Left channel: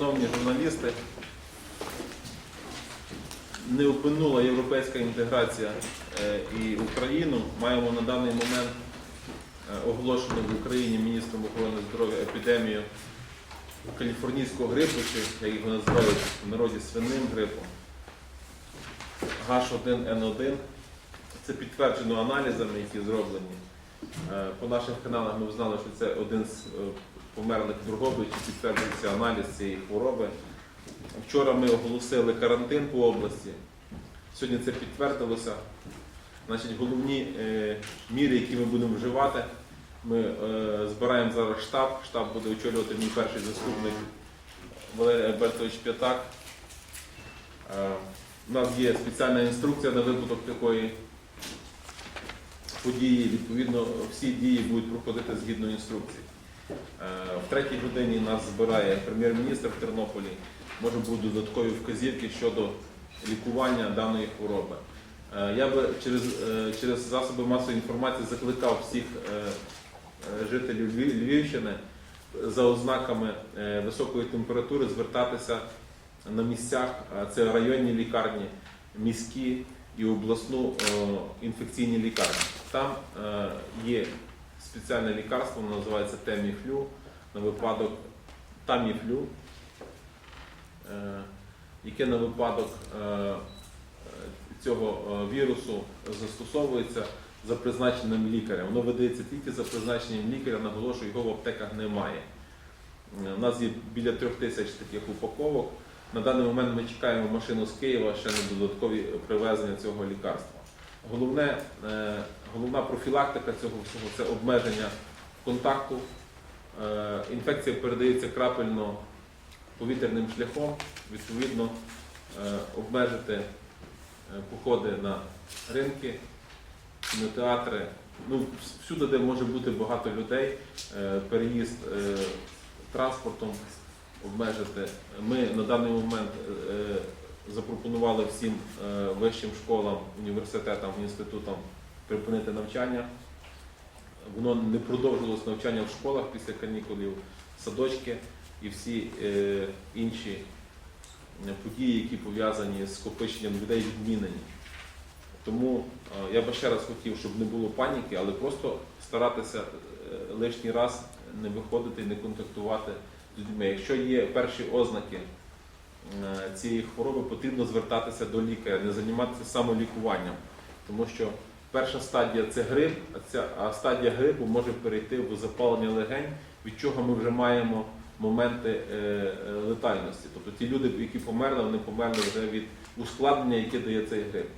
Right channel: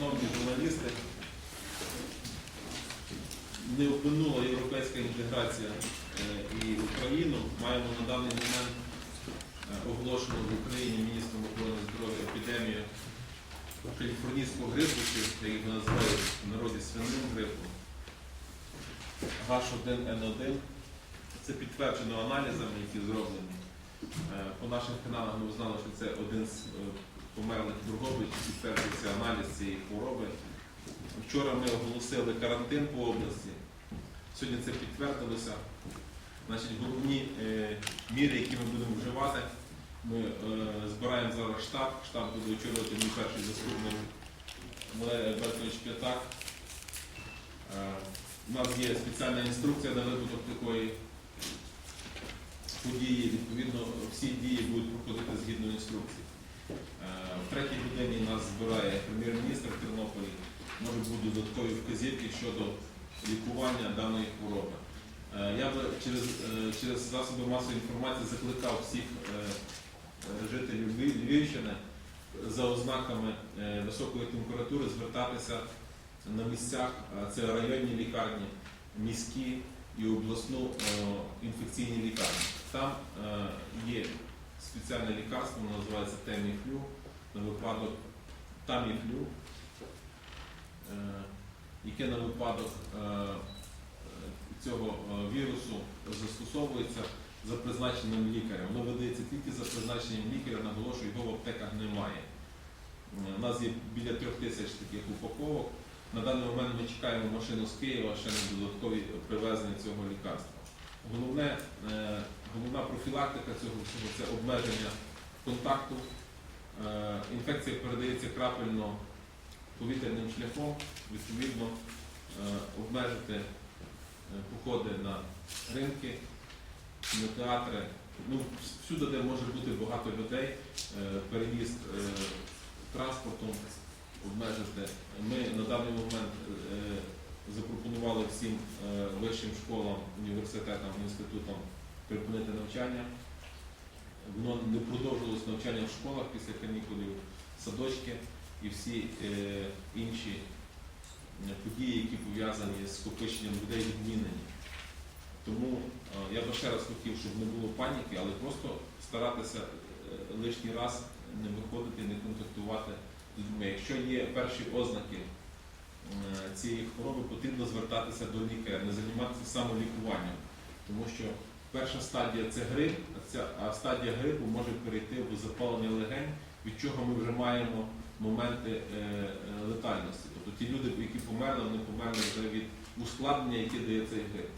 Шановні журналісти, не опинула європейська інтеграція е, і Україну. Маємо на даний момент е, оголошену в Україні міністром охорони здоров'я епідемію каліфорнійського грипу, чи як його називають в народі свиним грипом. H1N1. Це підтверджено аналізами, які зроблені. Е, По наших каналах ми знали, що це один з померлих Дрогобичів, підтверджується аналіз цієї хвороби. Вчора ми оголосили карантин по області. Сьогодні це підтвердилося. Значить, головні е, міри, які ми будемо вживати, ми е, збираємо зараз штаб. Штаб буде очолювати мій перший заступник Валерій Альбертович П'ятак. Е, у нас є спеціальна інструкція на випадок такої події. Відповідно, всі дії будуть проходити згідно інструкції. Е, В третій годині нас збирає прем'єр-міністр в Тернополі. Може будуть додаткові вказівки щодо лікування даної хвороби. Е, Я би через, е, через засоби масової інформації закликав всіх жителів Львівщини за ознаками високої температури звертатися на місцях. Це районні лікарні, міські і обласну інфекційні лікарні. Там є спеціальне лікарство, воно називається Теміфлю на випадок Таміфлю, е, яке на випадок е, цього е, вірусу застосовується за призначенням лікаря. Воно видається тільки за призначенням лікаря, наголошую, його в аптеках немає. У нас є біля трьох тисяч таких упаковок. На даний момент ми чекаємо машину з Києва ще на додаткові привезення цього лікарства. Головне, е, головна профілактика цього всього це обмеження контакту. Е, Інфекція передається крапельно повітряним шляхом, відповідно, е, обмежити походи на ринки, кінотеатри, ну, всюди, де може бути багато людей, переїзд транспортом обмежити. Ми на даний момент запропонували всім е, вищим школам, університетам, інститутам припинити навчання. Воно не продовжилось навчання в школах після канікулів, садочки і всі е, інші е, події, які пов'язані з скопиченням людей, відмінені. Тому я би ще раз хотів, щоб не було паніки, але просто старатися лишній раз не виходити і не контактувати з людьми. Якщо є перші ознаки цієї хвороби, потрібно звертатися до лікаря, не займатися самолікуванням, тому що перша стадія це грип, а ця а стадія грипу може перейти в запалення легень, від чого ми вже маємо моменти е, е, летальності. Тобто ті люди, які померли, вони померли вже від ускладнення, яке дає цей грип.